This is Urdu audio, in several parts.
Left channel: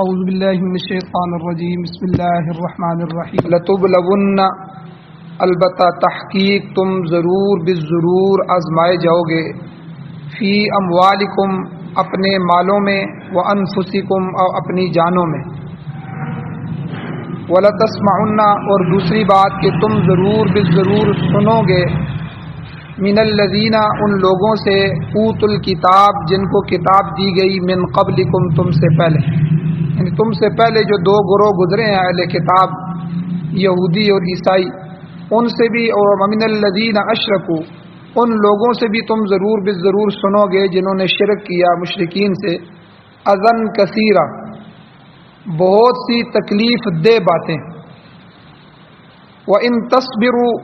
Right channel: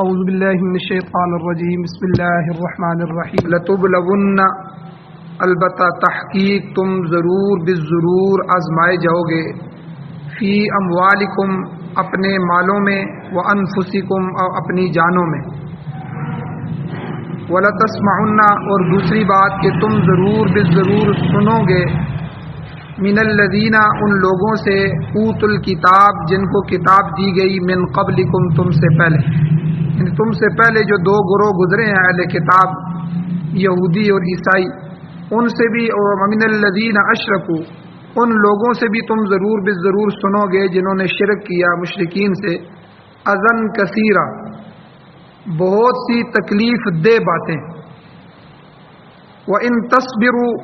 اعوذ باللہ من الشیطان الرجیم بسم اللہ الرحمن الرحیم لتبلون، البتہ تحقیق تم ضرور بالضرور آزمائے جاؤ گے، فی اموالکم اپنے مالوں میں، وانفسکم اور اپنی جانوں میں، ولتسمعن اور دوسری بات کہ تم ضرور بالضرور سنو گے، من الذین ان لوگوں سے، اوت الکتاب جن کو کتاب دی گئی، من قبلکم تم سے پہلے، یعنی تم سے پہلے جو دو گروہ گزرے ہیں اہل کتاب، یہودی اور عیسائی، ان سے بھی، اور من الذین اشرکوا ان لوگوں سے بھی تم ضرور بالضرور سنو گے جنہوں نے شرک کیا مشرکین سے، اذن کثیرہ بہت سی تکلیف دہ باتیں، وَإِن تَصْبِرُوا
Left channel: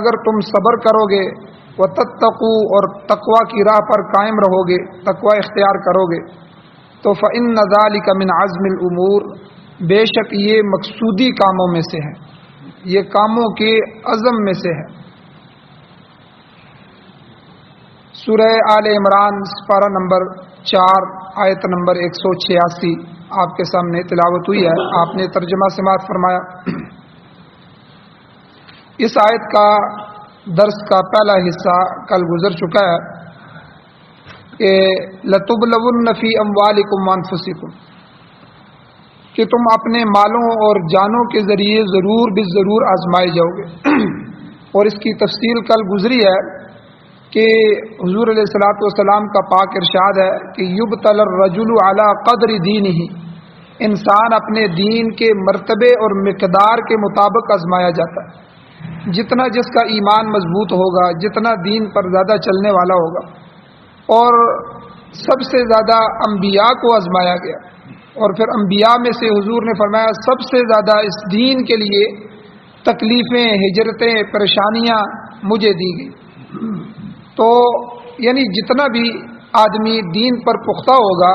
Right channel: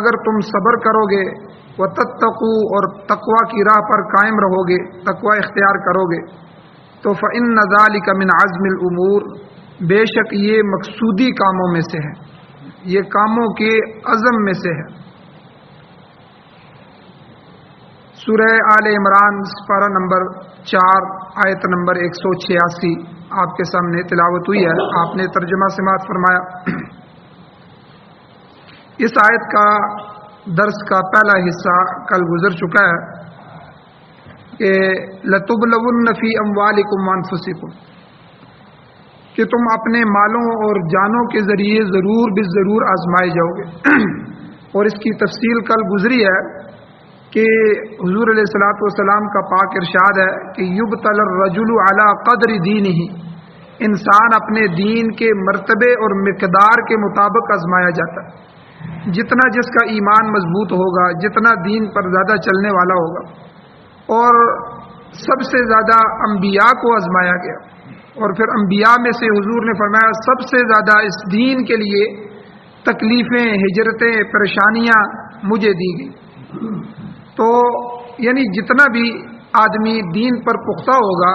اگر تم صبر کرو گے، وَتَتَّقُوا اور تقوی کی راہ پر قائم رہو گے، تقوی اختیار کرو گے، تو فَإِنَّ ذَلِكَ مِنْ عَزْمِ الْأُمُورِ بے شک یہ مقصودی کاموں میں سے ہے، یہ کاموں کے عزم میں سے ہے۔ سورہ آل عمران سپارہ نمبر 4 آیت نمبر 186 آپ کے سامنے تلاوت ہوئی ہے، آپ نے ترجمہ سماعت فرمایا۔ اس آیت کا درس کا پہلا حصہ کل گزر چکا ہے کہ لَتُبْلَوُنَّ فِي أَمْوَالِكُمْ وَأَنفُسِكُمْ کہ تم اپنے مالوں اور جانوں کے ذریعے ضرور بالضرور آزمائے جاؤ گے، اور اس کی تفصیل کل گزری ہے کہ حضور علیہ الصلوۃ والسلام کا پاک ارشاد ہے کہ یبتلی الرجل علی قدر دینہ، انسان اپنے دین کے مرتبے اور مقدار کے مطابق آزمایا جاتا ہے، جتنا جس کا ایمان مضبوط ہوگا، جتنا دین پر زیادہ چلنے والا ہوگا، اور سب سے زیادہ انبیاء کو آزمایا گیا، اور پھر انبیاء میں سے حضور نے فرمایا سب سے زیادہ اس دین کے لیے تکلیفیں، ہجرتیں، پریشانیاں مجھے دی گئی۔ تو یعنی جتنا بھی آدمی دین پر پختہ ہوگا،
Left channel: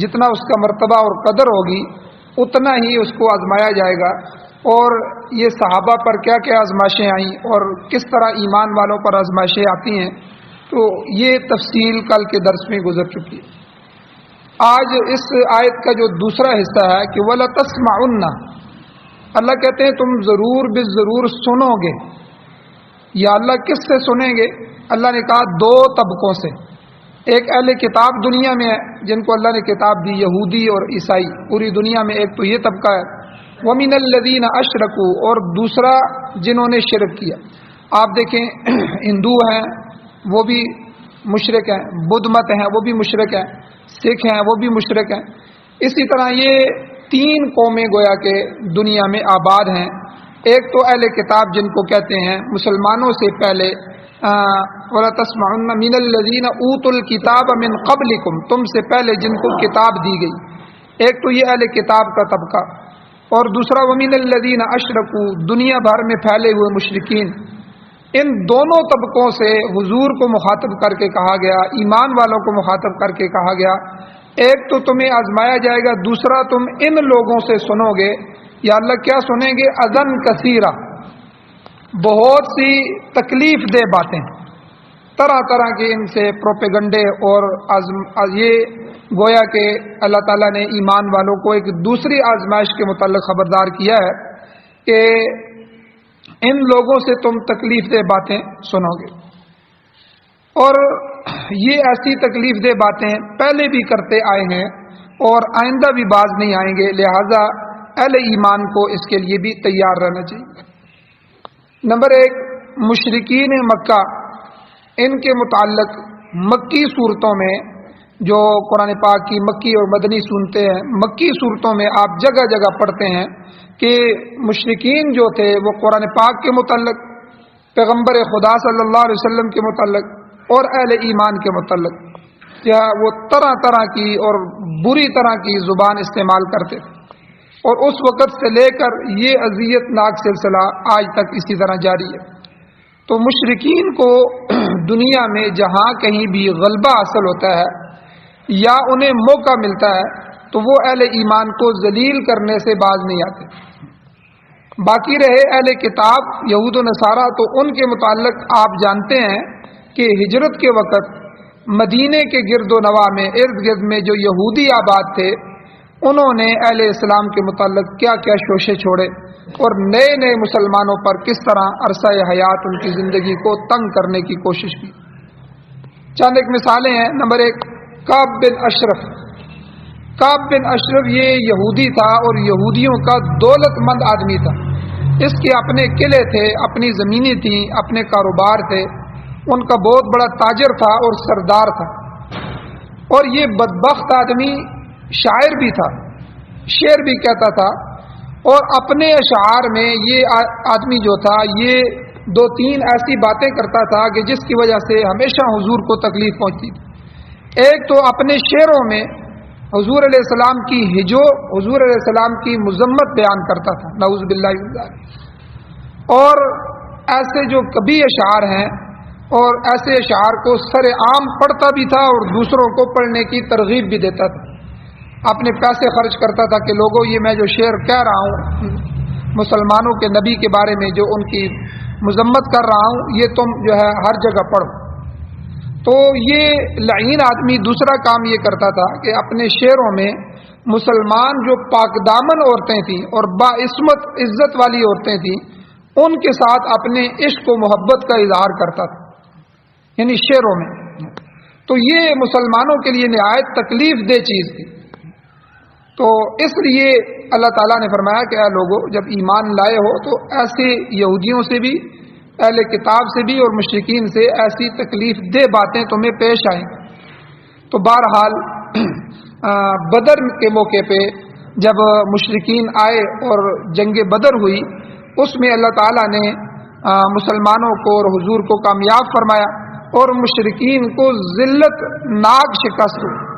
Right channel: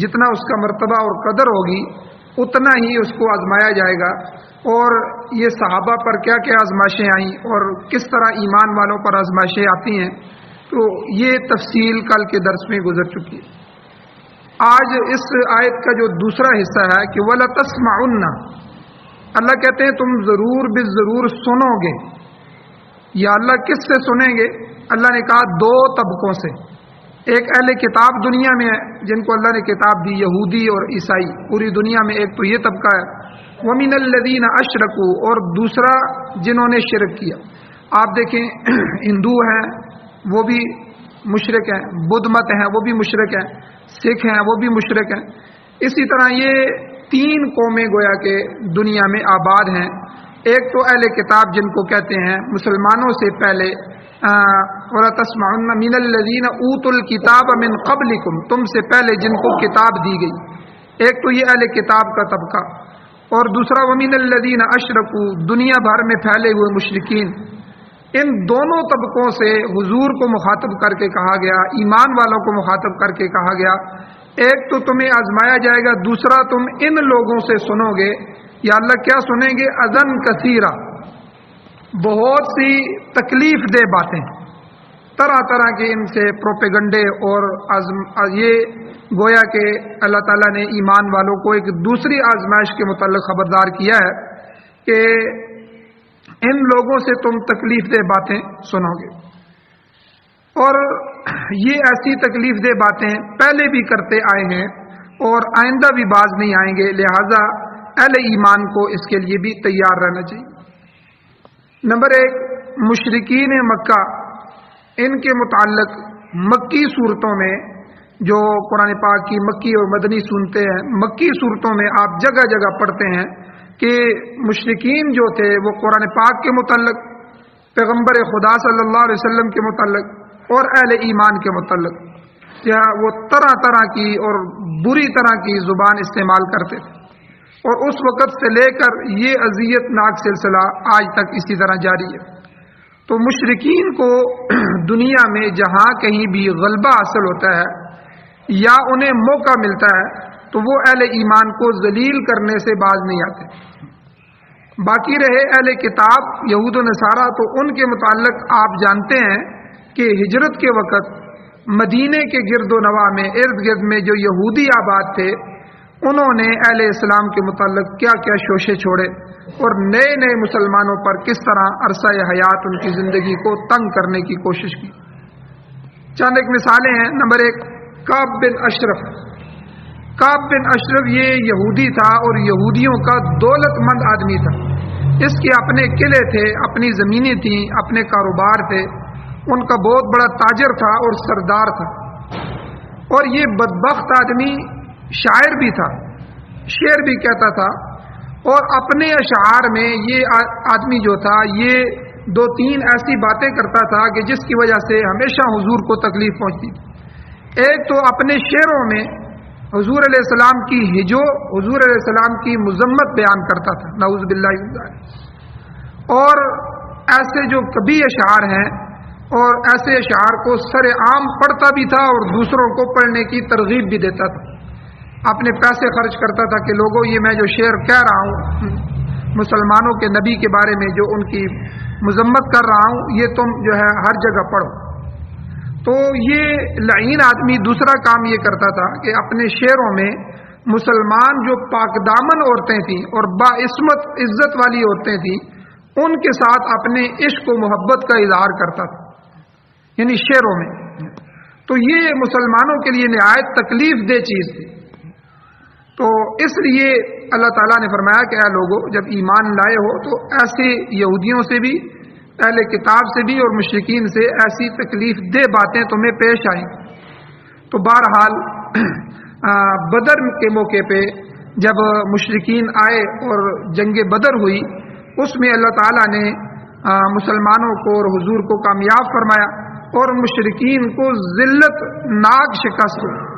جتنا اس کا مرتبہ اور قدر ہوگی، اتنا ہی اس کو آزمایا جائے گا۔ اور یہ صحابہ پر کیا کیا آزمائشیں آئیں اور کس طرح ایمان والوں پر آزمائشیں آتی ہیں، تو یہ تفصیل کل کے درس میں گزر چکی ہے۔ آج اس آیت کا جو دوسرا حصہ ہے کہ وَلَتَسْمَعُنَّ، اللہ کہتے ہیں تم ضرور بالضرور سنو گے۔ یا اللہ کس سے سنیں گے؟ اللہ نے کہا دو طبقوں سے، ایک اہل کتاب دنیا میں ہے جن کو اللہ نے کتاب دی، یہودی اور عیسائی پوری دنیا میں، ایک تو یہ طبقہ ہے، وَمِنَ الَّذِينَ أَشْرَكُوا اور دوسرا جنہوں نے شرک کیا۔ آپ دیکھیں ہندو ہیں وہ بھی مشرک ہیں، بدھ مت ہیں وہ بھی مشرک ہیں، سکھ ہیں وہ بھی مشرک ہیں، اسی طرح یہ تین قومیں گویا کہ دنیا میں آباد ہیں۔ ایک تو اہل کتاب جن کو کہتے ہیں مسلمانوں سے پہلے، وَلَتَسْمَعُنَّ مِنَ الَّذِينَ أُوتُوا الْكِتَابَ مِنْ قَبْلِكُمْ تم سے پہلے جن کو کتاب دی گئی، ایک تو یہ اہل کتاب کا طبقہ، اور دوسرا وَمِنَ الَّذِينَ أَشْرَكُوا دنیا بھر میں پھیلے ہوئے مشرکین۔ ان دونوں طبقوں سے حضور کو مخاطب کر کے کہا گیا، ایمان والوں کو مخاطب کر کے کہا گیا، ایک تو تمہیں آزمایا جائے گا، دوسرا تم ان لوگوں سے سنو گے۔ یا اللہ کیا سنیں گے؟ اذن کثیرہ بہت سی تکلیف دہ باتیں، طرح طرح کے ان سے پروپیگنڈے، اور یہ گویا کہ اللہ تعالیٰ نے ایمان والوں کو ایک دوسری آزمائش کے متعلق خبردار کیا ہے کہ ان لوگوں سے تم تکلیف دہ باتیں سنو گے، اور یہ ایسی تکلیف دہ باتیں پہلے بھی کرتے آئے ہیں اور آئندہ بھی باز نہیں آئیں گے، لہذا اہل ایمان کو اس کے لیے بھی تیار رہنا چاہیے۔ نمبر ایک، مشرکین مکہ، ان کے متعلق مکی صورتوں میں، جو قرآن پاک کی مکی اور مدنی سنتے ہیں، مکی صورتوں میں آپ جگہ جگہ پڑھتے ہیں کہ مشرکین جو تھے وہ قرآن پاک کے متعلق، پیغمبر خدا صلی اللہ علیہ وسلم کے متعلق اور اہل ایمان کے متعلق کیا وہ طرح طرح کی اور بری طرح کی زبان استعمال کرتے تھے، اور اس وقت سے لے کر یہ اذیت ناک سلسلہ آج تک اسی طرح جاری ہے۔ تو مشرکین کو دنیا میں جہاں کہیں بھی غلبہ حاصل ہوتا ہے یا انہیں موقع ملتا ہے تو وہ اہل ایمان کو ذلیل کرنے سے باز نہیں آتے۔ باقی رہے اہل کتاب یہود و نصارہ، تو ان کے متعلق آپ جانتے ہیں کہ ہجرت کے وقت مدینے کے گرد و نواح میں، ارد گرد میں جو یہودی آباد تھے، انہوں نے اہل اسلام کے متعلق کیا کیا شوشے چھوڑے اور نئے نئے مسلمانوں پر کس طرح عرصہ حیات ان کی زندگی کو تنگ کرنے کی کوشش کی۔ چند ایک مثالیں ہیں۔ نمبر 1، کعب بن اشرف۔ کعب بن اشرف یہ یہودی تھا اور یہودیوں کا دولت مند آدمی تھا۔ اس کے اپنے قلعے تھے، اپنی زمینیں تھیں، اپنے کاروبار تھے، ان کا بہت بڑا تاجر تھا اور سردار تھا۔ اور یہ بدبخت آدمی شاعر بھی تھا، شعر بھی کہتا تھا، اور اپنے اشعار میں یہ آدمی جو تھا یہ 2-3 ایسی باتیں کرتا تھا کہ جس کی وجہ سے ہمیشہ حضور کو تکلیف پہنچتی تھی۔ ایک تو اپنے شعروں میں حضور علیہ السلام کی ہجو، حضور علیہ السلام کی مذمت بیان کرتا تھا، نعوذ باللہ من ذالک۔ اور ایسے جو کبھی اشعار ہیں اور ایسے اشعار کو سر عام پڑھتا بھی تھا اور دوسروں کو پڑھنے کی ترغیب بھی دیتا تھا۔ اپنے پیسے خرچ کرتا تھا کہ لوگوں یہ میں جو شعر کہہ رہا ہوں مسلمانوں کے نبی کے بارے میں جو ان کی مذمت کر رہا ہوں، یہ تم جو ہے ہر جگہ پڑھو۔ تو یہ لعین آدمی دوسرا کام یہ کرتا تھا کہ اپنے شعروں میں مسلمان جو پاک دامن عورتیں تھیں اور باعصمت عزت والی عورتیں تھیں، ان کے ساتھ اپنے عشق و محبت کا اظہار کرتا تھا، یعنی شعروں میں۔ تو یہ مسلمانوں کے لیے نہایت تکلیف دہ چیز تھی۔ تو اس لیے اللہ تعالیٰ نے فرمایا کہ اے لوگو، جب ایمان لائے ہو تو ایسے یہودیوں سے بھی، اہل کتاب سے بھی اور مشرکین سے ایسی تکلیف دہ باتیں تمہیں پیش آئیں۔ تو بہرحال بدر کے موقع پہ جب مشرکین آئے اور جنگ بدر ہوئی، اس میں اللہ تعالیٰ نے مسلمانوں کو اور حضور کو کامیاب فرمایا اور مشرکین کو ذلت ناک شکست ہوئی۔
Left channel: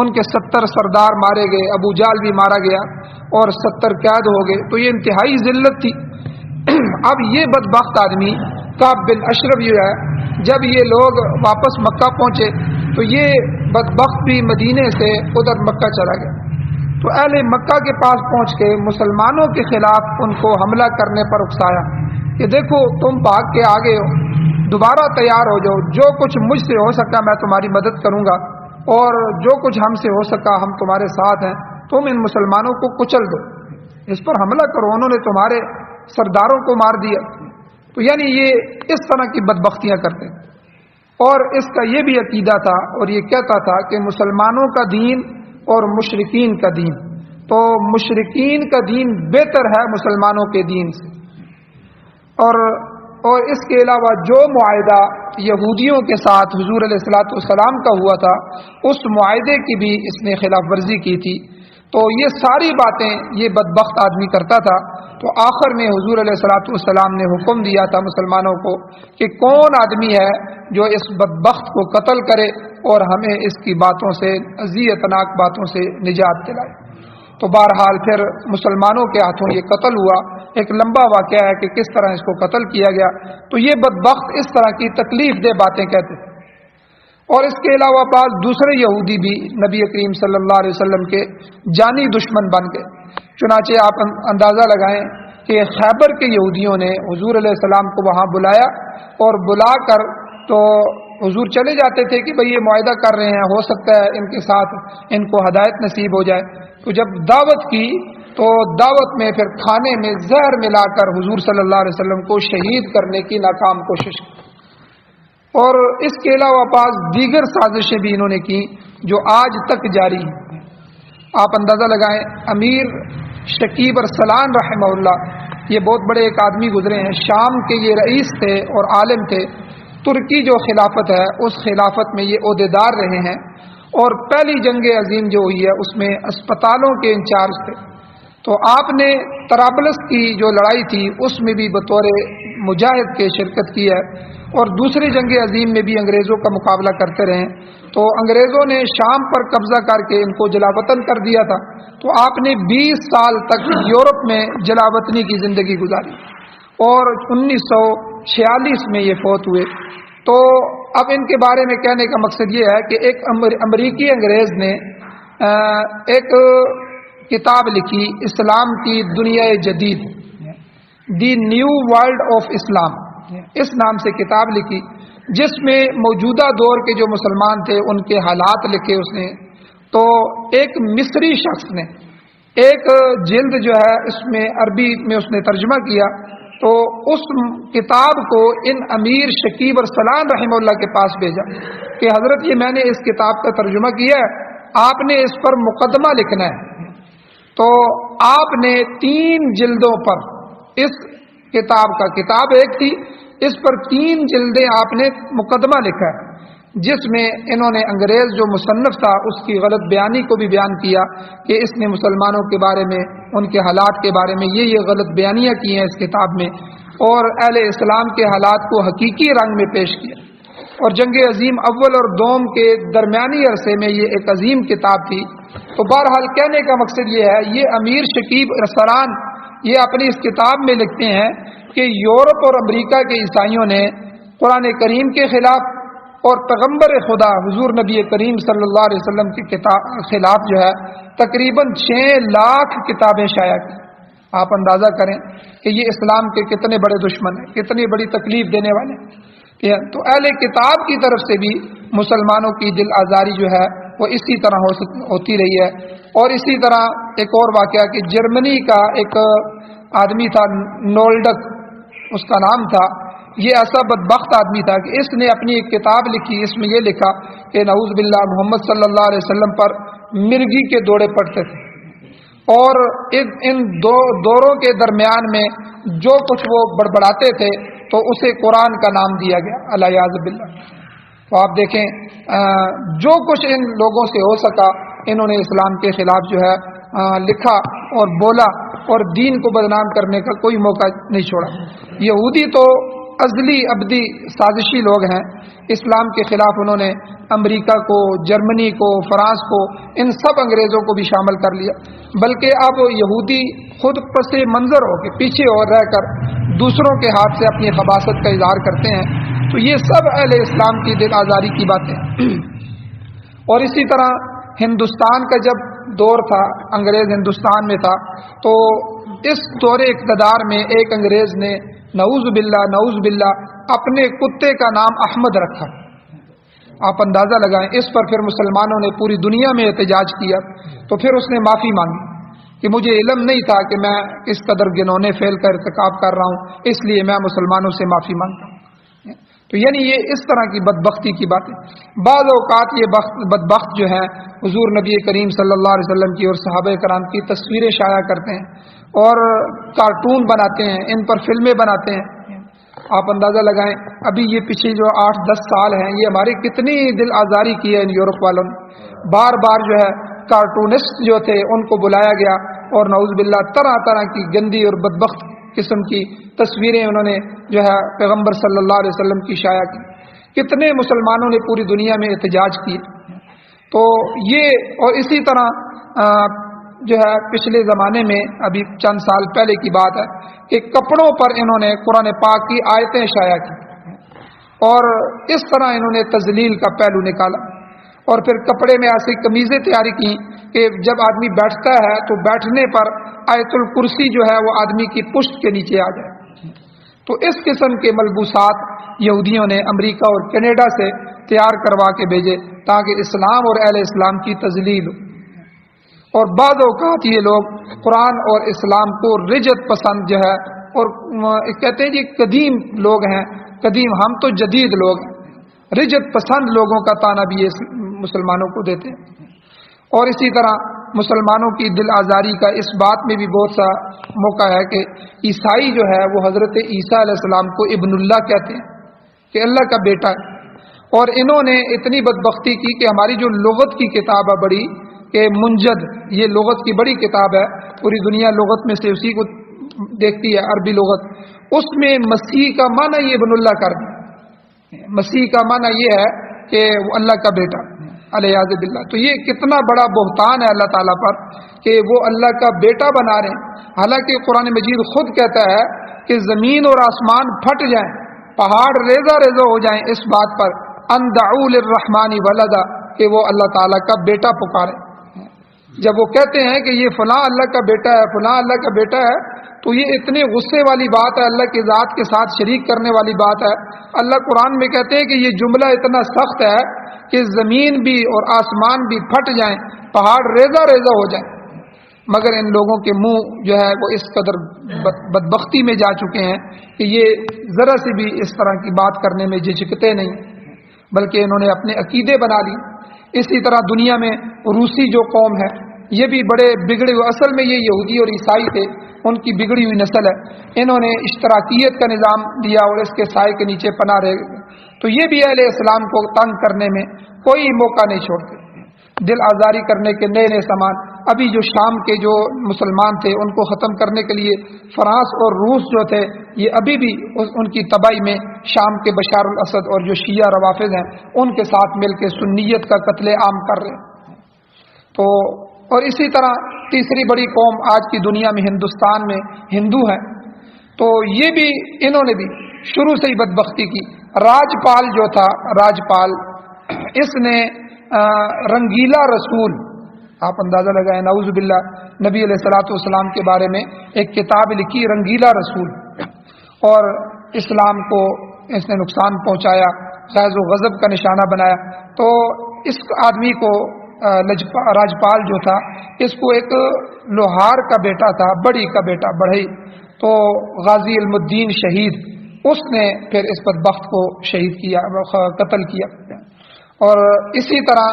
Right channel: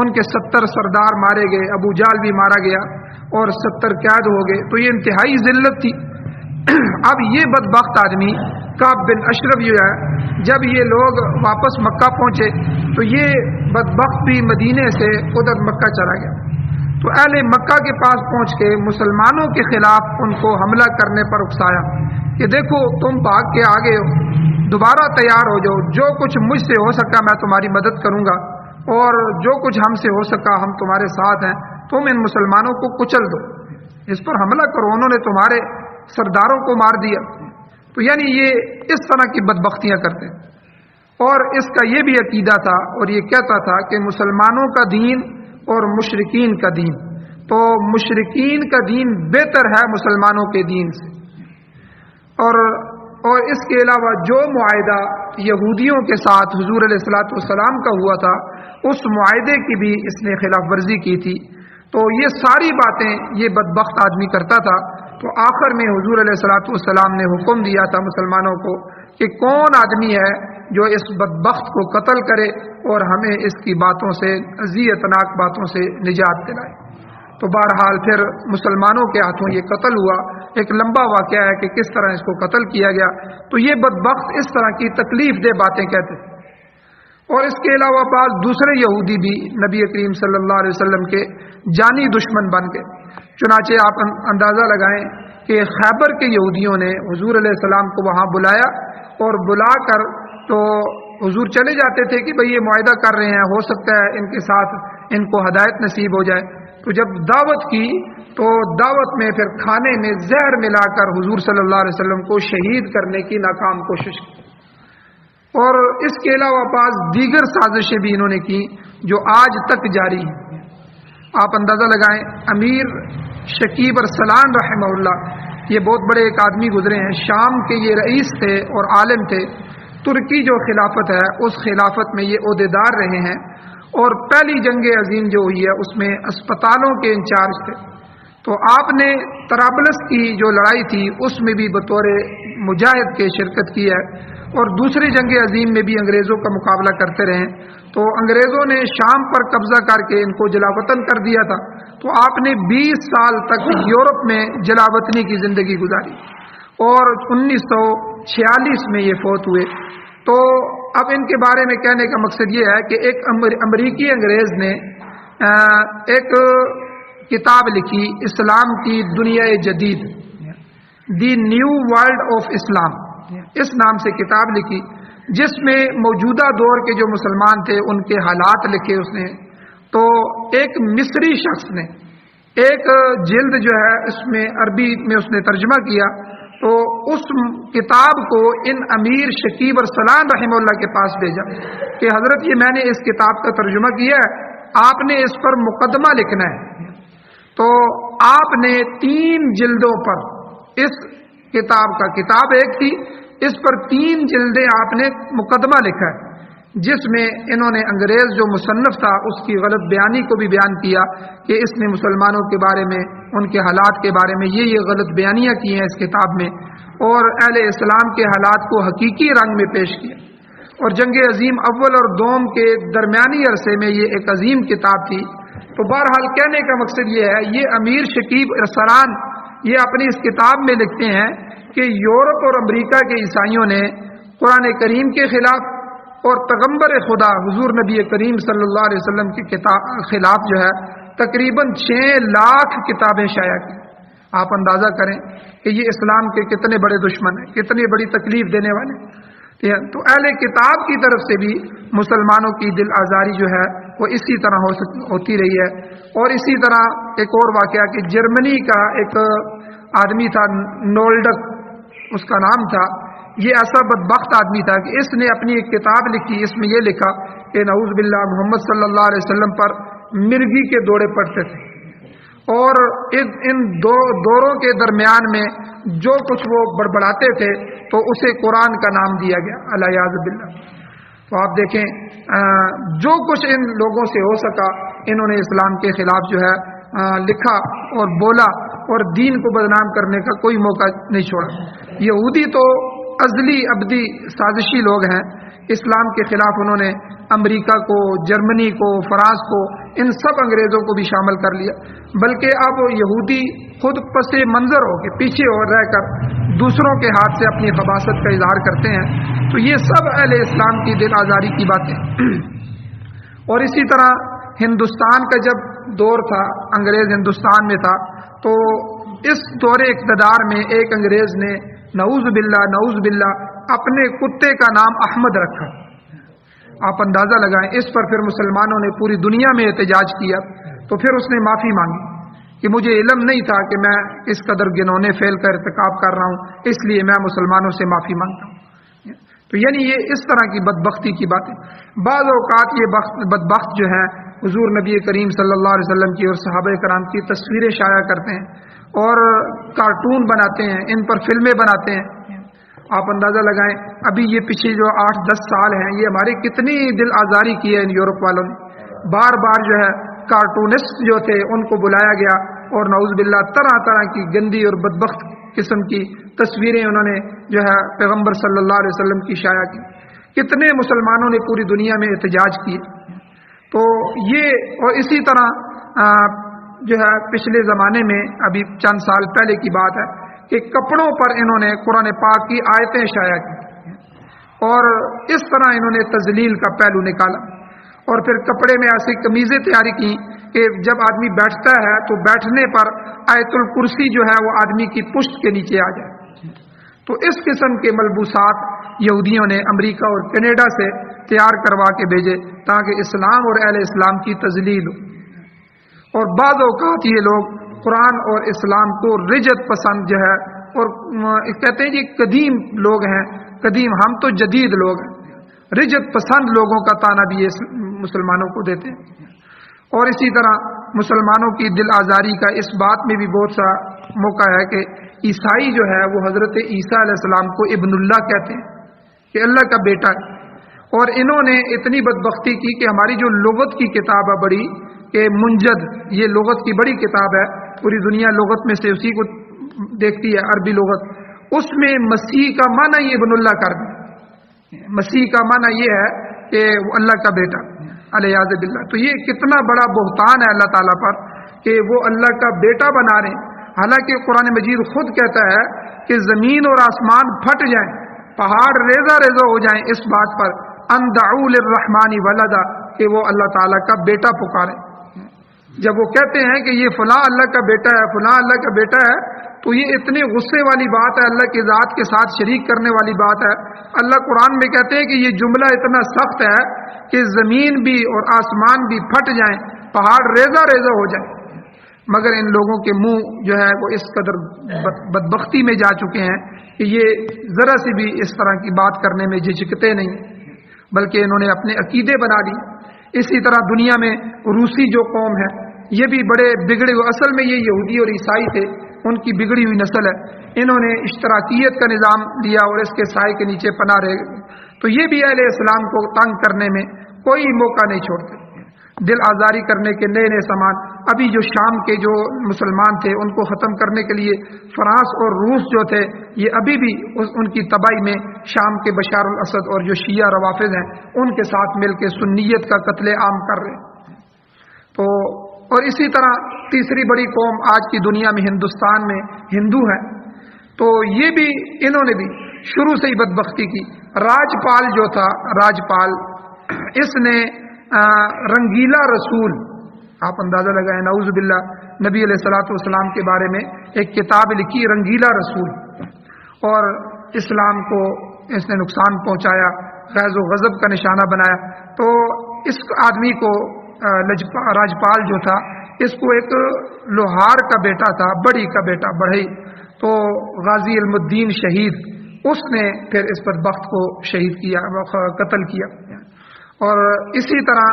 ان کے 70 سردار مارے گئے، ابو جہل بھی مارا گیا اور 70 قید ہو گئے۔ تو یہ انتہائی ذلت تھی۔ اب یہ بدبخت آدمی کعب بن اشرف جو ہے، جب یہ لوگ واپس مکہ پہنچے تو یہ بدبخت بھی مدینے سے ادھر مکہ چلا گیا۔ تو اہل مکہ کے پاس پہنچ کے مسلمانوں کے خلاف ان کو حملہ کرنے پر اکسایا کہ دیکھو تم بھاگ کے آ گئے ہو، دوبارہ تیار ہو جاؤ، جو کچھ مجھ سے ہو سکا میں تمہاری مدد کروں گا اور جو کچھ ہم سے ہو سکا ہم تمہارے ساتھ ہیں، تم ان مسلمانوں کو کچل دو، اس پر حملہ کرو، انہوں نے تمہارے سرداروں کو مار دیا۔ تو یعنی یہ اس طرح کی بدبختیاں کرتے ہیں۔ اور اس کا یہ بھی عقیدہ تھا اور یہ کہتا تھا کہ مسلمانوں کا دین اور مشرکین کا دین، تو مشرکین کا دین بہتر ہے مسلمانوں کے دین سے۔ اور اس کے علاوہ جو معاہدہ یہودیوں کے ساتھ حضور علیہ الصلوۃ والسلام کا ہوا تھا، اس معاہدے کی بھی اس نے خلاف ورزی کی تھی۔ تو یہ ساری باتیں یہ بدبخت آدمی کرتا تھا۔ تو آخر میں حضور علیہ الصلوۃ والسلام نے حکم دیا تھا مسلمانوں کو کہ کون آدمی ہے جو اس بدبخت کو قتل کرے اور ہمیں اس کی باتوں سے، اذیتناک باتوں سے نجات دلائے۔ تو بہرحال پھر مسلمانوں کے ہاتھوں یہ قتل ہوا۔ ایک لمبا واقعہ ہے کہ کس طرح اس کو قتل کیا گیا۔ تو یہ بدبخت اس طرح کی تکلیف دہ باتیں کہتے تھے۔ اور اس کے علاوہ بعض دوسرے یہودی بھی نبی کریم صلی اللہ علیہ وسلم کے جانی دشمن بن گئے۔ چنانچہ آپ اندازہ لگائیں کہ خیبر کے یہودیوں نے حضور علیہ السلام کو وہاں بلایا اور بلا کر تو حضور چلے جاتے تھے کہ بھئی یہ معاہدہ کر رہے ہیں، ہو سکتا ہے ان کے ساتھ ان کو ہدایت نصیب ہو جائے۔ تو جب دعوت کی تو دعوت میں پھر کھانے میں زہر ملا کر حضور صلی اللہ علیہ وسلم کو شہید کرنے کی ناکام کوشش کی۔ اور اس کے علاوہ بعض دیگر سازشیں بھی انہوں نے کی جو آج تک جاری ہیں۔ آپ اندازہ لگائیں، امیر شکیب ارسلان رحمہ اللہ، یہ بہت بڑے ایک آدمی گزرے ہیں، شام کے یہ رئیس تھے اور عالم تھے۔ ترکی جو خلافت ہے اس خلافت میں یہ عہدیدار رہے ہیں، اور پہلی جنگ عظیم جو ہوئی ہے اس میں اسپتالوں کے انچارج تھے۔ تو آپ نے طرابلس کی جو لڑائی تھی اس میں بھی بطور مجاہد کے شرکت کی ہے، اور دوسری جنگ عظیم میں بھی انگریزوں کا مقابلہ کرتے رہے۔ تو انگریزوں نے شام پر قبضہ کر کے ان کو جلاوطن کر دیا تھا۔ تو آپ نے 20 سال تک یورپ میں جلاوطنی کی زندگی گزاری، اور 1946 میں یہ فوت ہوئے۔ تو اب ان کے بارے میں کہنے کا مقصد یہ ہے کہ ایک امریکی انگریز نے ایک کتاب لکھی، اسلام کی دنیا جدید، دی نیو ورلڈ آف اسلام، اس نام سے کتاب لکھی، جس میں موجودہ دور کے جو مسلمان تھے ان کے حالات لکھے اس نے، تو ایک مصری شخص نے ایک جلد جو ہے اس میں عربی میں اس نے ترجمہ کیا، تو اس کتاب کو ان امیر شکیب ارسلان رحمہ اللہ کے پاس بھیجا کہ حضرت یہ میں نے اس کتاب کا ترجمہ کیا ہے، آپ نے اس پر مقدمہ لکھنا ہے۔ تو آپ نے 3 جلدوں پر اس کتاب کا، کتاب ایک تھی، اس پر 3 جلدیں آپ نے مقدمہ لکھا ہے، جس میں انہوں نے انگریز جو مصنف تھا اس کی غلط بیانی کو بھی بیان کیا کہ اس نے مسلمانوں کے بارے میں، ان کے حالات کے بارے میں یہ غلط بیانیاں کی ہیں اس کتاب میں، اور اہل اسلام کے حالات کو حقیقی رنگ میں پیش کیا۔ اور جنگ عظیم اول اور دوم کے درمیانی عرصے میں یہ ایک عظیم کتاب تھی۔ تو بہرحال کہنے کا مقصد یہ ہے، یہ امیر شکیب ارسلان یہ اپنی اس کتاب میں لکھتے ہیں کہ یورپ اور امریکہ کے عیسائیوں نے قرآن کریم کے خلاف اور پیغمبر خدا حضور نبی کریم صلی اللہ علیہ وسلم کے خلاف جو ہے تقریباً 6 لاکھ کتابیں شائع کی۔ آپ اندازہ کریں کہ یہ اسلام کے کتنے بڑے دشمن ہیں، کتنی بڑی تکلیف دینے والے ہیں۔ تو اہل کتاب کی طرف سے بھی مسلمانوں کی دل آزاری جو ہے وہ اسی طرح ہوتی رہی ہے۔ اور اسی طرح ایک اور واقعہ کہ جرمنی کا ایک آدمی تھا، نولڈک اس کا نام تھا، یہ ایسا بدبخت آدمی تھا کہ اس نے اپنی ایک کتاب لکھی، اس میں یہ لکھا کہ نعوذ باللہ محمد صلی اللہ علیہ وسلم پر مرغی کے دوڑے پڑتے تھے، اور ان دوروں کے درمیان میں جو کچھ وہ بڑبڑاتے تھے تو اسے قرآن کا نام دیا گیا، الیاذ باللہ۔ تو آپ دیکھیں جو کچھ ان لوگوں سے ہو سکا انہوں نے اسلام کے خلاف جو ہے لکھا اور بولا، اور دین کو بدنام کرنے کا کوئی موقع نہیں چھوڑا۔ یہودی تو ازلی ابدی سازشی لوگ ہیں، اسلام کے خلاف انہوں نے امریکہ کو، جرمنی کو، فرانس کو، ان سب انگریزوں کو بھی شامل کر لیا، بلکہ اب یہودی خود پس منظر ہو کے پیچھے اور رہ کر دوسروں کے ہاتھ سے اپنی خباثت کا اظہار کرتے ہیں۔ تو یہ سب اہل اسلام کی دل آزاری کی باتیں۔ اور اسی طرح ہندوستان کا جب دور تھا، انگریز ہندوستان میں تھا، تو اس دور اقتدار میں ایک انگریز نے نعوذ باللہ اپنے کتے کا نام احمد رکھا۔ آپ اندازہ لگائیں، اس پر پھر مسلمانوں نے پوری دنیا میں احتجاج کیا، تو پھر اس نے معافی مانگی کہ مجھے علم نہیں تھا کہ میں اس قدر گنونے فعل کا ارتکاب کر رہا ہوں، اس لیے میں مسلمانوں سے معافی مانگتا ہوں۔ تو یعنی یہ اس طرح کی بدبختی کی باتیں۔ بعض اوقات یہ بدبخت جو ہیں حضور نبی کریم صلی اللہ علیہ وسلم کی اور صحابہ کرام کی تصویریں شائع کرتے ہیں اور کارٹون بناتے ہیں، ان پر فلمیں بناتے ہیں۔ آپ اندازہ لگائیں، ابھی یہ پیچھے جو 8-10 سال ہیں، یہ ہماری کتنی دل آزاری کی ہے ان یورپ والوں نے۔ بار بار جو ہے کارٹونسٹ جو تھے ان کو بلایا گیا، اور نعوذ باللہ طرح طرح کی گندی اور بدبخت قسم کی تصویریں انہوں نے جو ہے پیغمبر صلی اللہ علیہ وسلم کی شائع کی۔ کتنے مسلمانوں نے پوری دنیا میں احتجاج کی۔ تو یہ، اور اسی طرح جو ہے پچھلے زمانے میں ابھی چند سال پہلے کی بات ہے کہ کپڑوں پر انہوں نے قرآن پاک کی آیتیں شائع کی، اور اس طرح انہوں نے تذلیل کا پہلو نکالا، اور پھر کپڑے میں ایسی قمیضیں تیاری کی کہ جب آدمی بیٹھتا ہے تو بیٹھنے پر آیت الکرسی جو ہے وہ آدمی کی پشت کے نیچے آ جائے۔ تو اس قسم کے ملبوسات یہودیوں نے امریکہ اور کینیڈا سے تیار کروا کے بھیجے تاکہ اسلام اور اہل اسلام کی تذلیل ہو۔ اور بعض اوقات یہ لوگ قرآن اور اسلام کو رجت پسند جو ہے، اور کہتے ہیں کہ قدیم لوگ ہیں، قدیم، ہم تو جدید لوگ ہیں، رجت پسند لوگوں کا طعنہ بھی یہ مسلمانوں کو دیتے ہیں۔ اور اسی طرح مسلمانوں کی دل آزاری کا اس بات میں بھی بہت سا موقع ہے کہ عیسائی جو ہے وہ حضرت عیسیٰ علیہ السلام کو ابن اللہ کہتے ہیں کہ اللہ کا بیٹا ہے۔ اور انہوں نے اتنی بدبختی کی کہ ہماری جو لغت کی کتاب ہے بڑی، کہ منجد، یہ لغت کی بڑی کتاب ہے، پوری دنیا لغت میں سے اسی کو دیکھتی ہے، عربی لغت، اس میں مسیح کا معنی یہ ابن اللہ کر دیا۔ مسیح کا معنی یہ ہے کہ وہ اللہ کا بیٹا، الیاذ باللہ۔ تو یہ کتنا بڑا بہتان ہے اللہ تعالیٰ پر کہ وہ اللہ کا بیٹا بنا رہے ہیں، حالانکہ قرآن مجید خود کہتا ہے کہ زمین اور آسمان پھٹ جائیں، پہاڑ ریزہ ریزہ ہو جائیں اس بات پر ان دعوا للرحمن ولدا، کہ وہ اللہ تعالیٰ کا بیٹا پکارے۔ جب وہ کہتے ہیں کہ یہ فلاں اللہ کا بیٹا ہے، فلاں اللہ کا بیٹا ہے، تو یہ اتنے غصے والی بات ہے، اللہ کی ذات کے ساتھ شریک کرنے والی بات ہے۔ اللہ قرآن میں کہتے ہیں کہ یہ جملہ اتنا سخت ہے کہ زمین بھی اور آسمان بھی پھٹ جائیں پہاڑ ریزہ ریزہ ہو جائیں، مگر ان لوگوں کے منہ جو ہے وہ اس قدر بدبختی میں جا چکے ہیں کہ یہ ذرا سی بھی اس طرح کی بات کرنے میں جھجکتے نہیں، بلکہ انہوں نے اپنے عقیدے بنا لی۔ اسی طرح دنیا میں روسی جو قوم ہے یہ بھی بڑے بگڑے ہوئے، اصل میں یہ یہودی اور عیسائی تھے، ان کی بگڑی ہوئی نسل ہے، انہوں نے اشتراکیت کا نظام لیا اور اس کے سائے کے نیچے پناہ رہے، تو یہ بھی اہل اسلام کو تنگ کرنے میں کوئی موقع نہیں چھوڑتے، دل آزاری کرنے کے نئے نئے سامان۔ ابھی جو شام کے جو مسلمان تھے ان کو ختم کرنے کے لیے فرانس اور روس جو تھے یہ ابھی بھی ان کی تباہی میں شام کے بشار الاسد اور جو شیعہ روافض ہیں ان کے ساتھ مل کے سنیت کا قتل عام کر رہے ہیں۔ تو اور اسی طرح تیسری بڑی قوم آج کی دنیا میں ہندوستان میں ہندو ہے، تو یہ بھی انہوں نے بھی شروع سے ہی بدبختی کی۔ راجپال جو تھا، راجپال اس نے رنگیلا رسول، آپ اندازہ لگائیں، نعوذ باللہ، نبی علیہ الصلوۃ والسلام کے بارے میں ایک کتاب لکھی رنگیلا رسول، اور اسلام کو اس نے نقصان پہنچایا، غیظ و غضب کا نشانہ بنایا۔ تو اس آدمی کو راجپال جو تھا اس کو ایک لوہار کا بیٹا تھا، بڑی کا بیٹا بڑھئی، تو غازی علم الدین شہید، اس نے پھر اس بدبخت کو شہید کیا، قتل کیا۔ اور اسی طرح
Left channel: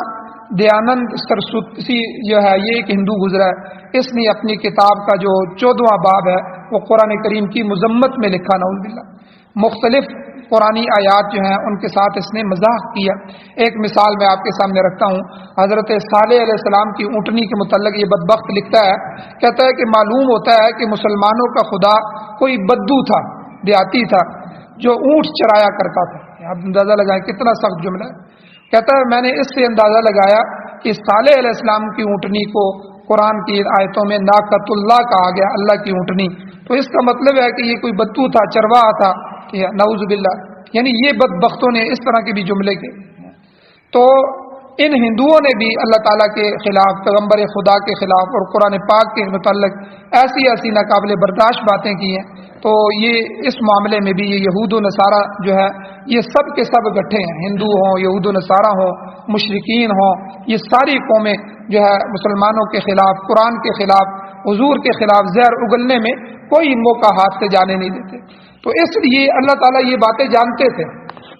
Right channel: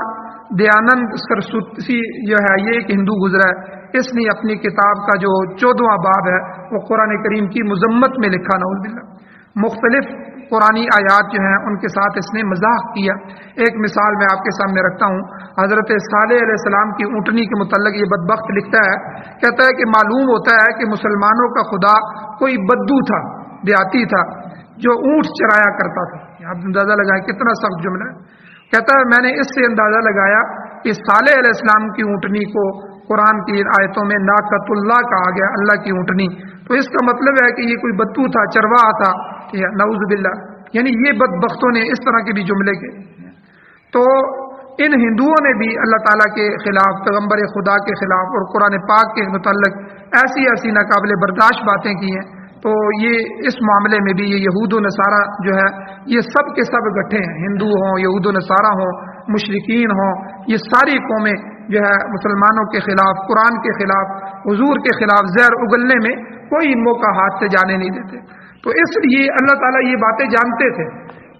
دیانند سرسوتی جو ہے یہ ایک ہندو گزرا ہے، اس نے اپنی کتاب کا جو 14واں باب ہے وہ قرآن کریم کی مذمت میں لکھا، نعوذ باللہ، مختلف قرآنی آیات جو ہیں ان کے ساتھ اس نے مزاح کیا۔ ایک مثال میں آپ کے سامنے رکھتا ہوں، حضرت صالح علیہ السلام کی اونٹنی کے متعلق یہ بدبخت لکھتا ہے، کہتا ہے کہ معلوم ہوتا ہے کہ مسلمانوں کا خدا کوئی بدو تھا، دیہاتی تھا، جو اونٹ چرایا کرتا تھا۔ آپ اندازہ لگائیں کتنا سخت جملہ ہے۔ کہتا ہے میں نے اس سے اندازہ لگایا کہ صالح علیہ السلام کی اونٹنی کو قرآن کی آیتوں میں ناقۃ اللہ کہا گیا، اللہ کی اونٹنی، تو اس کا مطلب ہے کہ یہ کوئی بدو تھا، چرواہا تھا، نعوذ باللہ۔ یعنی یہ بدبختوں نے اس طرح کے بھی جملے کے، تو ان ہندوؤں نے بھی اللہ تعالیٰ کے خلاف، پیغمبر خدا کے خلاف اور قرآن پاک کے متعلق ایسی ایسی ناقابل برداشت باتیں کی ہیں۔ تو یہ اس معاملے میں بھی یہ یہود و نصارہ جو ہے یہ سب کے سب اکٹھے ہیں، ہندو ہوں، یہود و نصارہ ہوں، مشرکین ہوں، یہ ساری قومیں جو ہے مسلمانوں کے خلاف، قرآن کے خلاف، حضور کے خلاف زہر اگلنے میں کوئی موقع ہاتھ سے جانے نہیں دیتے۔ تو اس لیے اللہ تعالیٰ یہ باتیں جانتے تھے،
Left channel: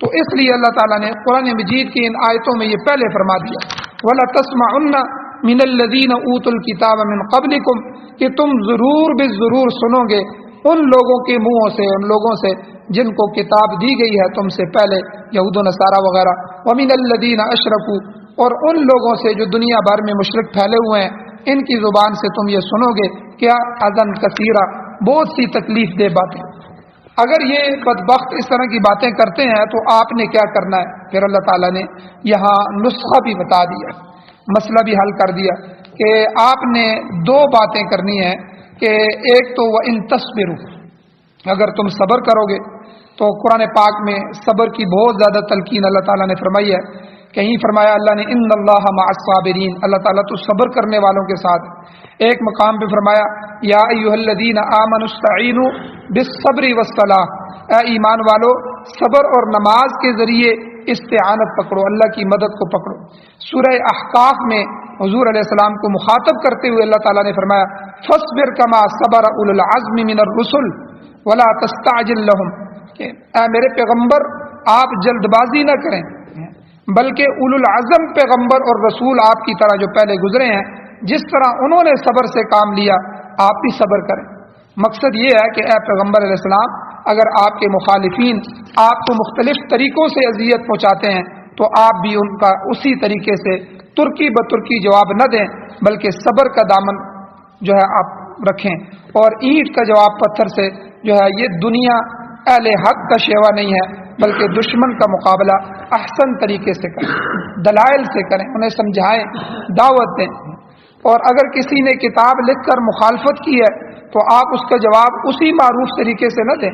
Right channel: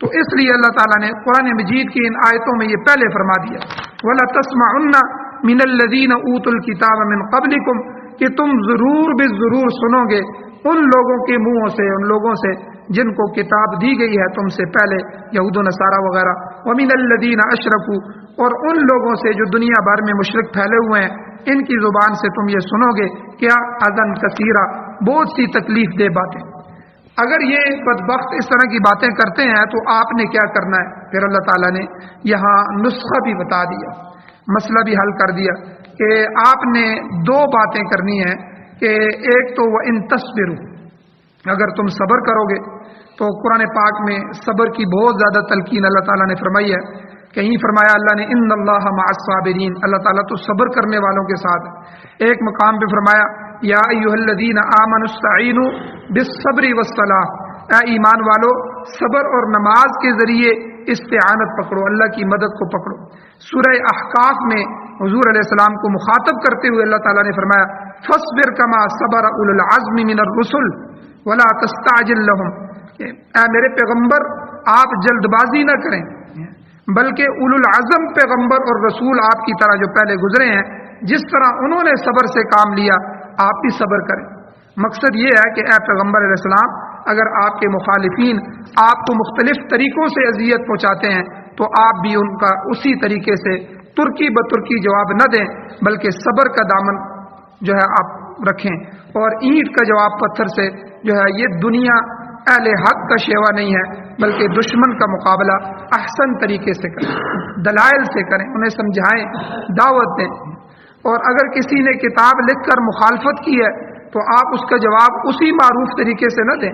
تو اس لیے اللہ تعالیٰ نے قرآن مجید کی ان آیتوں میں یہ پہلے فرما دیا، وَلَا تَسْمَعُنَّ مِنَ الَّذِينَ أُوتُوا الْكِتَابَ مِنْ قَبْلِكُمْ، کہ تم ضرور بالضرور سنو گے ان لوگوں کے منہوں سے، ان لوگوں سے جن کو کتاب دی گئی ہے تم سے پہلے، یہود و نصارہ وغیرہ، وَمِنَ الَّذِينَ أَشْرَكُوا، اور ان لوگوں سے جو دنیا بھر میں مشرک پھیلے ہوئے ہیں، ان کی زبان سے تم یہ سنو گے کیا اذن کثیرہ، بہت سی تکلیف دہ باتیں۔ اگر یہ بدبخت اس طرح کی باتیں کرتے ہیں تو آپ نے کیا کرنا ہے؟ پھر اللہ تعالیٰ نے یہاں نسخہ بھی بتا دیا، مسئلہ بھی حل کر دیا کہ آپ نے دو باتیں کرنی ہیں، کہ ایک تو وَإِن تَصْبِرُوا، اگر تم صبر کرو گے، تو قرآن پاک میں صبر کی بہت زیادہ تلقین اللہ تعالیٰ نے فرمائی ہے۔ کہیں فرمایا اللہ نے ان اللہ مع الصابرین، اللہ تعالیٰ تو صبر کرنے والوں کے ساتھ۔ ایک مقام پہ فرمایا یا ایھا الذین آمنوا استعینوا بالصبر والصلاۃ، اے ایمان والو صبر اور نماز کے ذریعے استعانت پکڑو، اللہ کی مدد کو پکڑو۔ سورہ احقاف میں حضور علیہ السلام کو مخاطب کرتے ہوئے اللہ تعالیٰ نے فرمایا فاصبر کما صبر اولو العزم من الرسل ولا تستعجل لهم، کہ اے میرے پیغمبر آپ جلد بازی نہ کریں، بلکہ اولو العزم پیغمبر اور رسول آپ کی طرح جو پہلے گزرے ہیں، جس طرح انہوں نے صبر سے کام لیا آپ بھی صبر کریں۔ مقصد یہ ہے کہ اے پیغمبر علیہ السلام، اگر آپ کے مخالفین آپ کو مختلف طریقوں سے اذیت پہنچاتے ہیں تو آپ بھی ان کا اسی طریقے سے ترکی بترکی جواب نہ دیں، بلکہ صبر کا دامن جو ہے آپ رکھیں، اور اینٹ کا جواب پتھر سے جو ہے یہ دنیا اہل حق کا شیوا نہیں ہے، بلکہ دشمن کا مقابلہ احسن طریقے سے کریں، دلائل سے کریں، انہیں سمجھائیں، دعوت دیں۔ اور اگر کسی نے کتاب لکھ کر مخالفت کی ہے تو آپ اس کا جواب اسی معروف طریقے سے نہ دیں،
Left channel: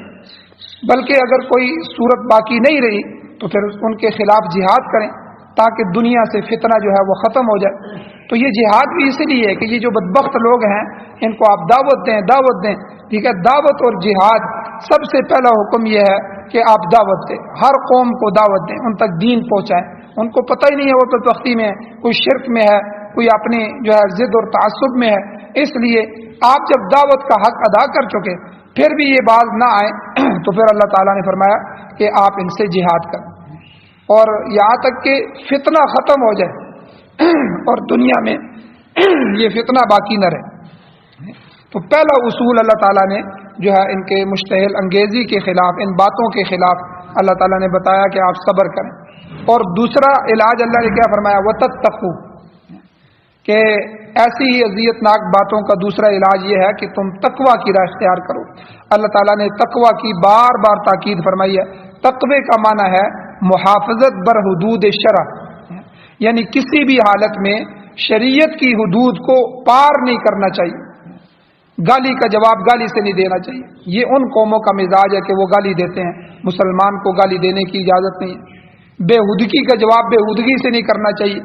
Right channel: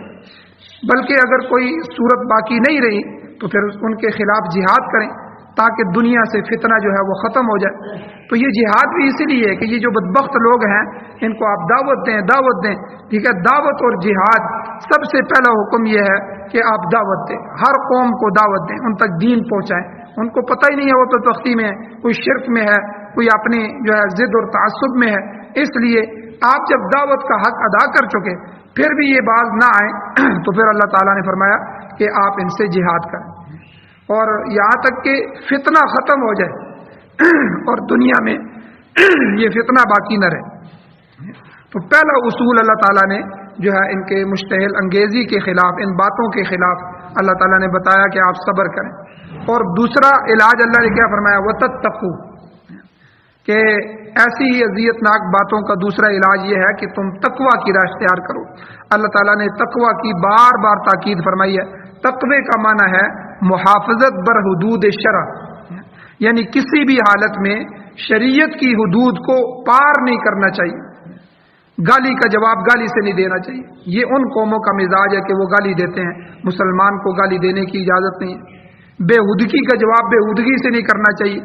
بلکہ اگر کوئی صورت باقی نہیں رہی تو پھر ان کے خلاف جہاد کریں تاکہ دنیا سے فتنہ جو ہے وہ ختم ہو جائے۔ تو یہ جہاد بھی اسی لیے ہے کہ یہ جو بدبخت لوگ ہیں ان کو آپ دعوت دیں، ٹھیک ہے۔ دعوت اور جہاد سب سے پہلا حکم یہ ہے کہ آپ دعوت دیں، ہر قوم کو دعوت دیں، ان تک دین پہنچائیں۔ ان کو پتہ ہی نہیں ہے وہ تو تختی میں ہے، کوئی شرک میں ہے، کوئی اپنی جو ہے ضد اور تعصب میں ہے. اس لیے آپ جب دعوت کا حق ادا کر چکے پھر بھی یہ باز نہ آئے تو پھر اللہ تعالیٰ نے فرمایا کہ آپ ان سے جہاد کریں اور یہاں تک کہ فتنہ ختم ہو جائے اور دنیا میں یہ فتنہ باقی نہ رہے. تو پہلا اصول اللہ تعالیٰ نے جو ہے ان کے مشتعل انگیزی کے خلاف، ان باتوں کے خلاف اللہ تعالیٰ نے بتایا کہ آپ صبر کریں. اور دوسرا علاج اللہ نے کیا فرمایا؟ وَتَتَّقُوا، کہ ایسی ہی اذیت ناک باتوں کا دوسرا علاج یہ ہے کہ تم تقوی کی راہ اختیار کرو. اللہ تعالیٰ نے تقوی کی بار بار تاکید فرمائی ہے. تقوی کا معنی ہے محافظت بر حدود شرع، یعنی کسی بھی حالت میں شریعت کی حدود کو پار نہیں کرنا چاہیے. گالی کا جواب گالی سے نہیں دینا چاہیے. یہ ان قوموں کا مزاج ہے کہ وہ گالی دیتے ہیں، مسلمان کو گالی دینے کی اجازت نہیں. بےہودگی کا جواب بےہودگی سے نہیں کرنا چاہیے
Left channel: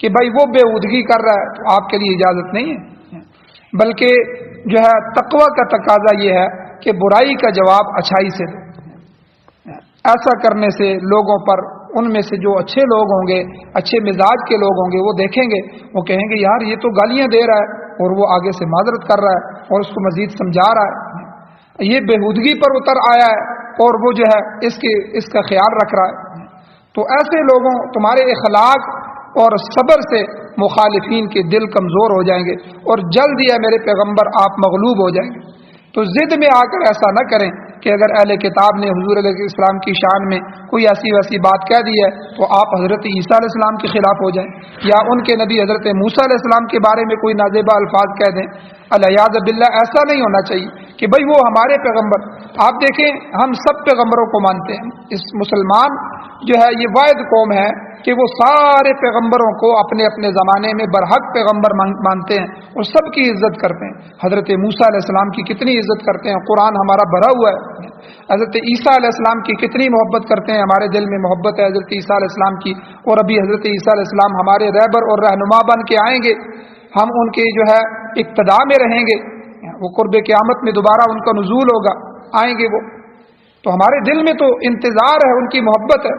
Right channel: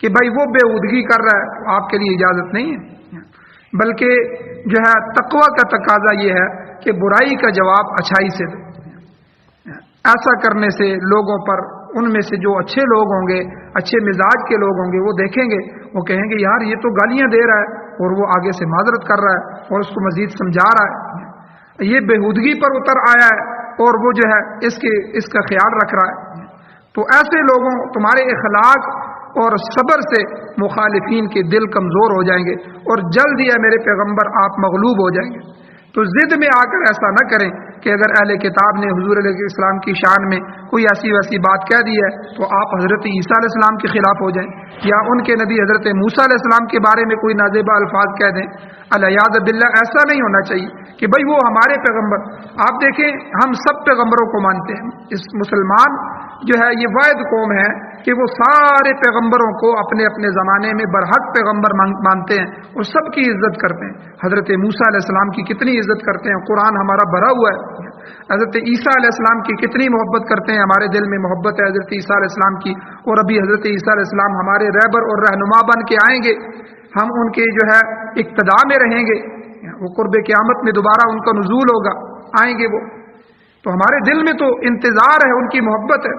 کہ بھائی وہ بےہودگی کر رہا ہے تو آپ کے لیے اجازت نہیں ہے. بلکہ جو ہے تقوی کا تقاضا یہ ہے کہ برائی کا جواب اچھائی سے دے. ایسا کرنے سے لوگوں پر، ان میں سے جو اچھے لوگ ہوں گے، اچھے مزاج کے لوگ ہوں گے، وہ دیکھیں گے، وہ کہیں گے یار یہ تو گالیاں دے رہا ہے اور وہ آگے سے معذرت کر رہا ہے اور اس کو مزید سمجھا رہا ہے، یہ بےہودگی پر اتر آیا ہے اور وہ جو ہے اس کا خیال رکھ رہا ہے. تو ایسے لوگوں، تمہارے اخلاق اور صبر سے مخالفین کے دل کمزور ہو جائیں گے اور جلد ہی ہے میرے پیغمبر آپ مغلوب ہو جائیں گے. تو ضد میں آ کر ایسا نہ کریں کہ اگر اہل کتاب نے حضور علیہ السلام کی شان میں کوئی ایسی ویسی بات کہہ دی ہے تو آپ حضرت عیسیٰ علیہ السلام کے خلاف ہو جائیں، یا ان کے نبی حضرت موسیٰ علیہ السلام کے بارے میں کوئی نازیبہ الفاظ کہہ دیں. الیاذ باللہ، ایسا نہیں ہونا چاہیے کہ بھائی وہ ہمارے پیغمبر. آپ دیکھیں ہم سب پیغمبروں کو مانتے ہیں. اس مسلمان جو ہے یہ واحد قوم ہے کہ وہ سارے پیغمبروں کو اپنے اپنے زمانے میں برحق پیغمبر مانتے ہیں اور سب کی عزت کرتے ہیں. حضرت موسیٰ علیہ السلام کی کتنی عزت کرتے ہیں، قرآن ہمارا بھرا ہوا ہے. حضرت عیسیٰ علیہ السلام کی کتنی محبت کرتے ہیں، ہمارے دل میں محبت ہے حضرت عیسیٰ علیہ السلام کی. اور ابھی حضرت عیسیٰ علیہ السلام ہمارے رہبر اور رہنما بن کے آئیں گے، ہم ان کے جو ہے اقتداء میں رہیں گے. وہ قرب قیامت میں دوبارہ ان کا نزول ہوگا، آئیں گے وہ. تو ہمارے دل میں تو انتظار ہے، ان کی محبت ہے.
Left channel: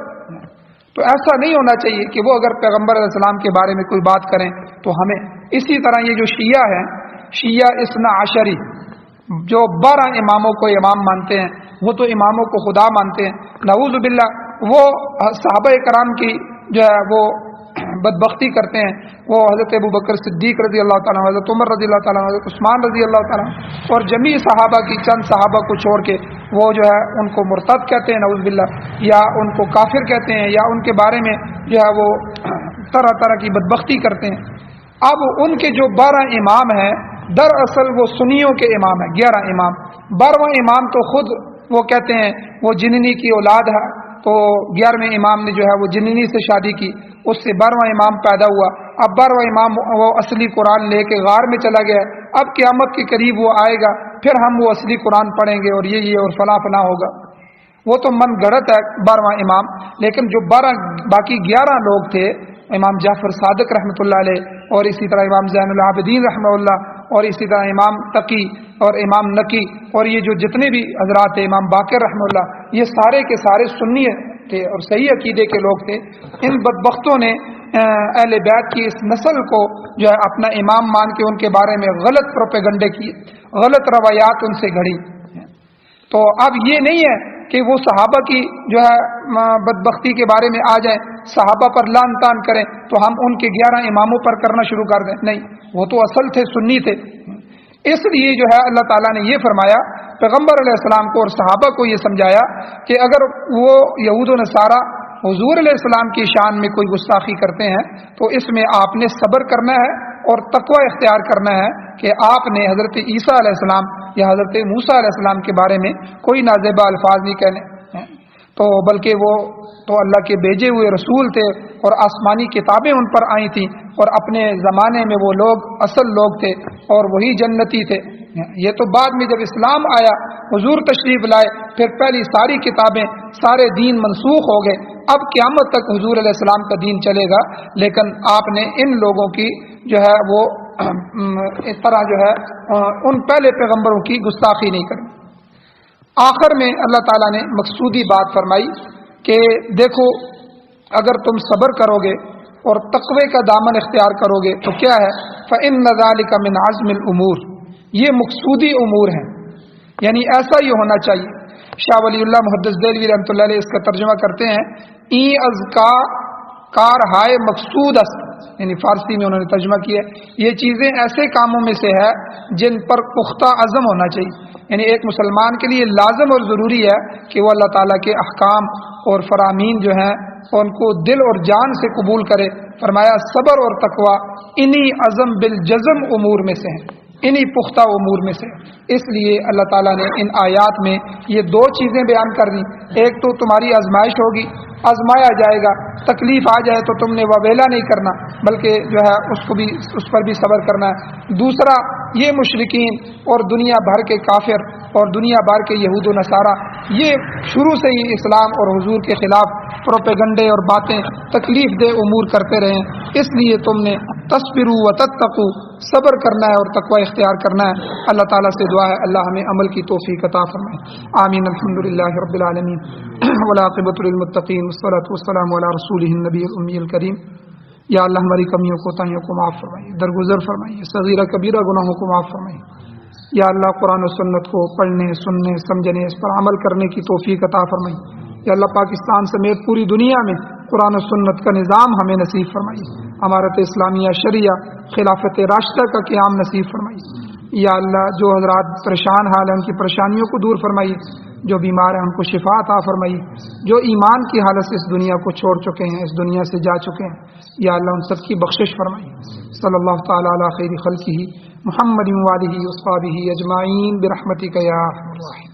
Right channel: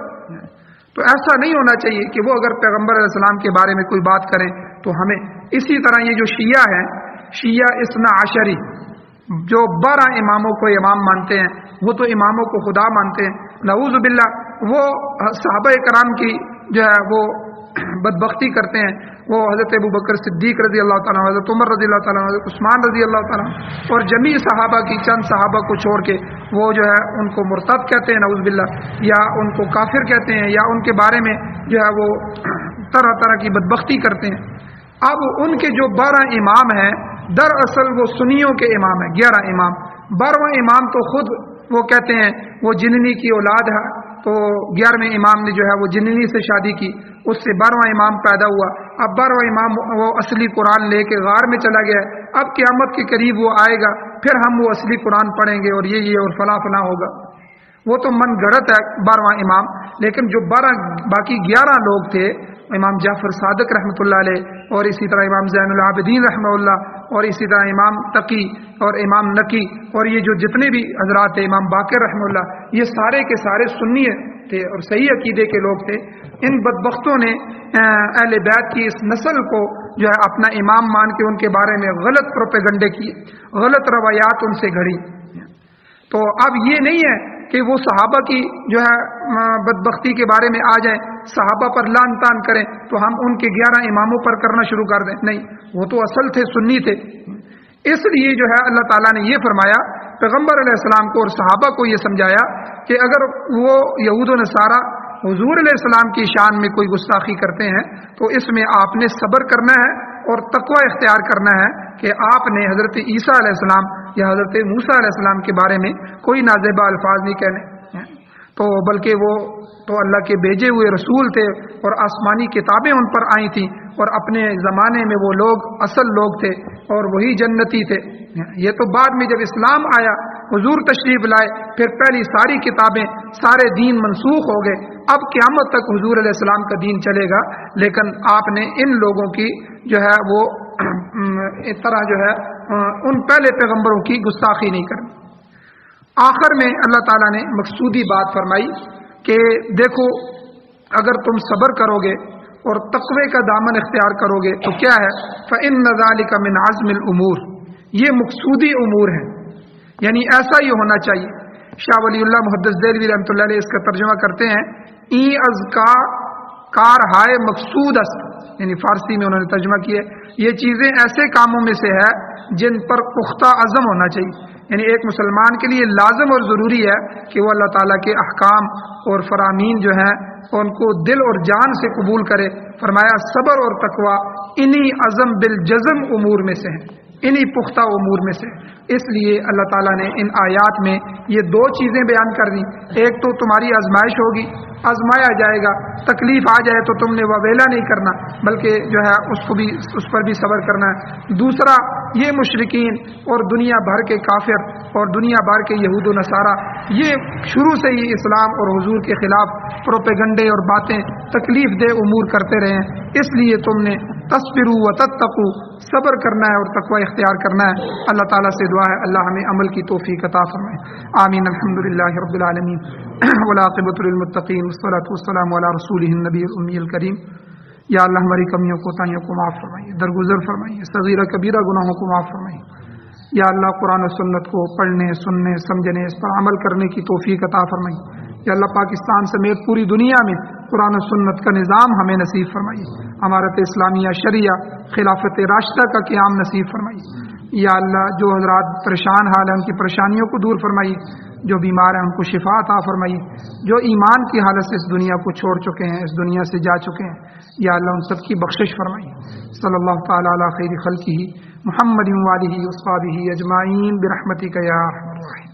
تو ایسا نہیں ہونا چاہیے کہ وہ اگر پیغمبر علیہ السلام کے بارے میں کوئی بات کریں تو ہمیں. اسی طرح یہ جو شیعہ ہیں، شیعہ اثنا عشری، جو 12 اماموں کو امام مانتے ہیں، وہ تو اماموں کو خدا مانتے ہیں. نعوذ باللہ، وہ صحابہ کرام کی جو ہے وہ بدبختی کرتے ہیں. وہ حضرت ابوبکر صدیق رضی اللہ تعالیٰ عنہ، حضرت عمر رضی اللہ تعالیٰ عنہ، حضرت عثمان رضی اللہ تعالیٰ عنہ اور جمیع صحابہ کی چند صحابہ کو چھوڑ کے وہ جو ہے ان کو مرتد کہتے ہیں نعوذ باللہ، یا ان کو کافر کہتے ہیں، یا ان کے بارے میں جو ہے وہ طرح طرح کی بدبختی کرتے ہیں. اب ان کے جو 12 امام ہیں دراصل وہ سنیوں کے امام ہیں. 11 امام، 12واں امام تو خود وہ کہتے ہیں وہ جننی کی اولاد ہے. تو 11ویں امام نے جو ہے وہ جننی سے شادی کی، اس سے 12واں امام پیدا ہوا. اب 12واں امام وہ اصلی قرآن لے کے غار میں چلا گیا. اب قیامت کے قریب وہ آئے گا، پھر ہم وہ اصلی قرآن پڑھیں گے اور یہ اور فلاں فلاں ہوگا. وہ تو من گڑت ہے 12واں امام. لیکن جو باقی 11 لوگ تھے، امام جعفر صادق رحمۃ اللہ علیہ، اور اسی طرح امام زین العابدین رحمہ اللہ، اور اسی طرح امام تقی اور امام نقی، اور یہ جو جتنے بھی حضرات تھے، امام باقر رحمہ اللہ، یہ سارے کے سارے سنی تھے اور صحیح عقیدے کے لوگ تھے. ان بدبختوں نے اہل بیت کی اس نسل کو جو ہے اپنا امام مان کے ان کے بارے میں غلط پروپیگنڈے کیے، غلط روایات ان سے گھڑی. تو اب یہ نہیں ہے کہ وہ صحابہ کی جو ہے بدبختی کے بارے میں آ جائیں، صحابہ پر لعن طعن کریں تو ہم ان کے 11 اماموں پر کرنا شروع کر دیں. نہیں، وہ تو اصل تھے، سنی تھے. اس لیے جو ہے اللہ تعالیٰ نے یہ فرمایا، پیغمبر علیہ السلام کو اور صحابہ کو یہ سمجھایا کہ اگر وہ یہود و نصارہ حضور علیہ السلام کی شان میں کوئی گستاخی کرتے ہیں تو اس میں آپ نے صبر کرنا ہے اور تقوی اختیار کرنا ہے کہ آپ نے حضرت عیسیٰ علیہ السلام یا حضرت موسیٰ علیہ السلام کے بارے میں کوئی نازیبہ الفاظ نہیں کہنے، تو بلکہ وہ تو اللہ کے بھیجے ہوئے رسول تھے اور آسمانی کتابیں ان پر آئی تھیں، اور اپنے زمانے میں وہ لوگ اصل لوگ تھے اور وہی جنتی تھے. یہ تو بعد میں جب اسلام آیا، حضور تشریف لائے، پھر پہلی ساری کتابیں، سارے دین منسوخ ہو گئے. اب قیامت تک حضور علیہ السلام کا دین چلے گا، لیکن آپ نے ان لوگوں کی جو ہے وہ اس طرح جو ہے ان پہلے پیغمبروں کی گستاخی نہیں کرنی. آخر میں اللہ تعالیٰ نے مقصودی بات فرمائی کہ دیکھو اگر تم صبر کرو گے اور تقوی کا دامن اختیار کرو گے تو کیا ہے فَإِنَّ ذَلِكَ مِنْ عَزْمِ الْأُمُورِ، یہ مقصودی امور ہیں، یعنی ایسا ہی ہونا چاہیے۔ شاہ ولی اللہ محدث دہلوی رحمۃ اللہ علیہ اس کا ترجمہ کرتے ہیں ای از کا کار ہائے مقصود است، یعنی فارسی میں انہوں نے ترجمہ کیا یہ چیزیں ایسے کاموں میں سے ہے جن پر پختہ عزم ہونا چاہیے، یعنی ایک مسلمان کے لیے لازم اور ضروری ہے کہ وہ اللہ تعالیٰ کے احکام اور فرامین جو ہیں ان کو دل اور جان سے قبول کرے۔ فرمایا صبر اور تقوی انہی عزم بالجزم امور میں سے ہیں، انہی پختہ امور میں سے۔ اس لیے اللہ تعالیٰ نے ان آیات میں یہ دو چیزیں بیان کر دیں، ایک تو تمہاری آزمائش ہوگی، آزمایا جائے گا، تکلیف آ جائے تو تم نے وویلا نہیں کرنا بلکہ جو ہے اس پر بھی صبر کرنا ہے۔ دوسرا یہ مشرکین اور دنیا بھر کے کافر اور دنیا بھر کے یہود و نصارہ یہ شروع سے ہی اسلام اور حضور کے خلاف پروپیگنڈے اور باتیں تکلیف دہ امور کرتے رہے ہیں، اس لیے تم نے تصبروا وتتقوا صبر کرنا ہے اور تقوی اختیار کرنا ہے۔ اللہ تعالیٰ سے دعا ہے اللہ ہمیں عمل کی توفیق عطا فرمائے، آمین۔ الحمدللہ رب العالمین والعاقبۃ للمتقین والصلاۃ والسلام علی رسولہ النبی الأمی الکریم۔ یا اللہ ہماری کمیوں کوتاہیوں کو معاف فرمائیے، درگزر فرمائیے، صغیرہ کبیرہ گناہوں کو معاف فرمائیے۔ یا اللہ قرآن و سنت کو پڑھنے، سننے، سمجھنے، اس پر عمل کرنے کی توفیق عطا فرمائیے۔ یا اللہ پاکستان سمیت پوری دنیا میں قرآن و سنت کا نظام ہمیں نصیب فرمائیے، امارت اسلامیہ شریعہ خلافت راشدہ کا قیام نصیب فرمائیے۔ یا اللہ جو حضرات پریشان حال ہیں ان کی پریشانیوں کو دور فرمائیے، جو بیمار ہیں ان کو شفا عطا فرمائیے، جو ایمان کی حالت سے اس دنیا کو چھوڑ چکے ہیں، اس دنیا سے جا چکے ہیں، یا اللہ ان سب کی بخشش فرمائیے۔ صلی اللہ تعالی علی خیر خلقہ محمد وآلہ وصحبہ اجمعین برحمتک یا ارحم الراحمین۔